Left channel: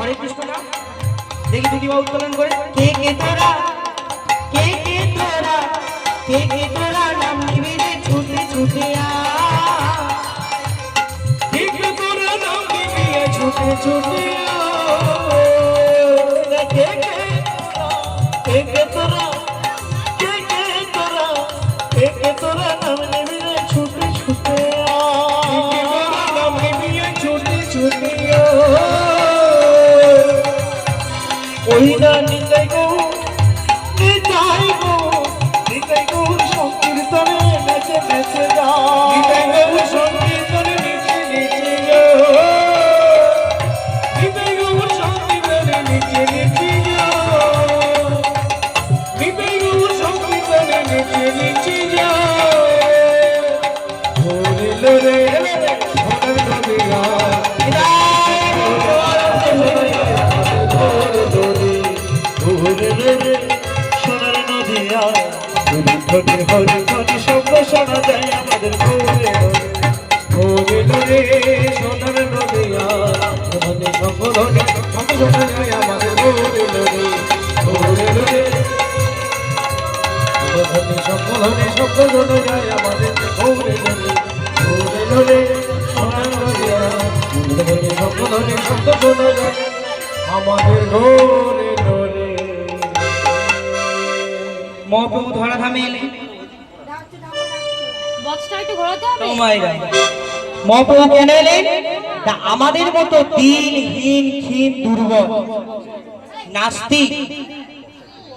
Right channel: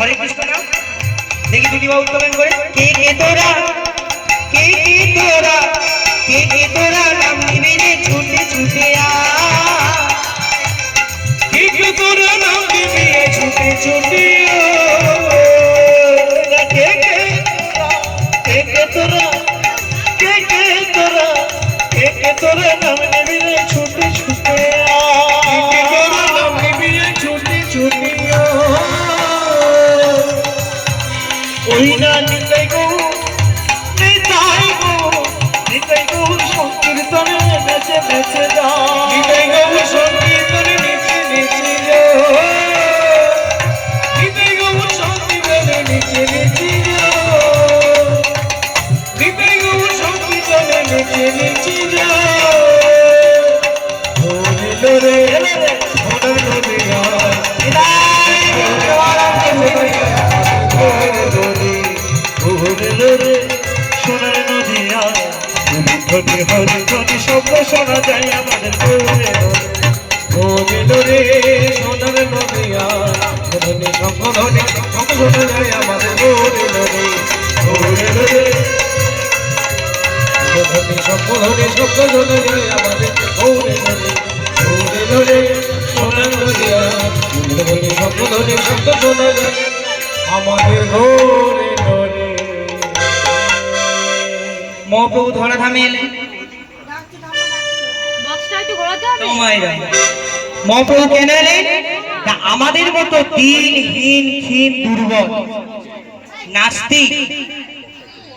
हरे कृष्ण ना देखी दीदी बाबू उत्तोलन करे के तोरा के तोरा नाम निबे रे छूटे छूटे आ के तोरा नाम निबे छूटे छूटे आ के तोरा नाम निबे रे छूटे छूटे आ के तोरा नाम निबे छूटे छूटे ओहिना निताई गो संकीर्तने नेचे नेचे जा निताई गो संकीर्तने नेचे नेचे जा निताई गो संकीर्तने नेचे नेचे जा निताई गो संकीर्तने नेचे नेचे जा होले रे होले रे সোনার নদী আর হরি হরি হরি শব্দ শোনা যায় আমাদের ঘরে ঘরে সোনার নদী আর ধনী শঙ্করনে শব্দ শোনা যায় আমাদের ঘরে ঘরে ধনী শঙ্করনে শব্দ শোনা যায় আমাদের ঘরে ঘরে সোনার নদী আর ধনী শঙ্করনে শব্দ শোনা যায় আমাদের ঘরে মহাপ্রভু ধরা থামিয়ে মহাপ্রভু কেন এলেন আমাদের মতো দিনহীন ক্ষীণ দুর্বল নাস্তিক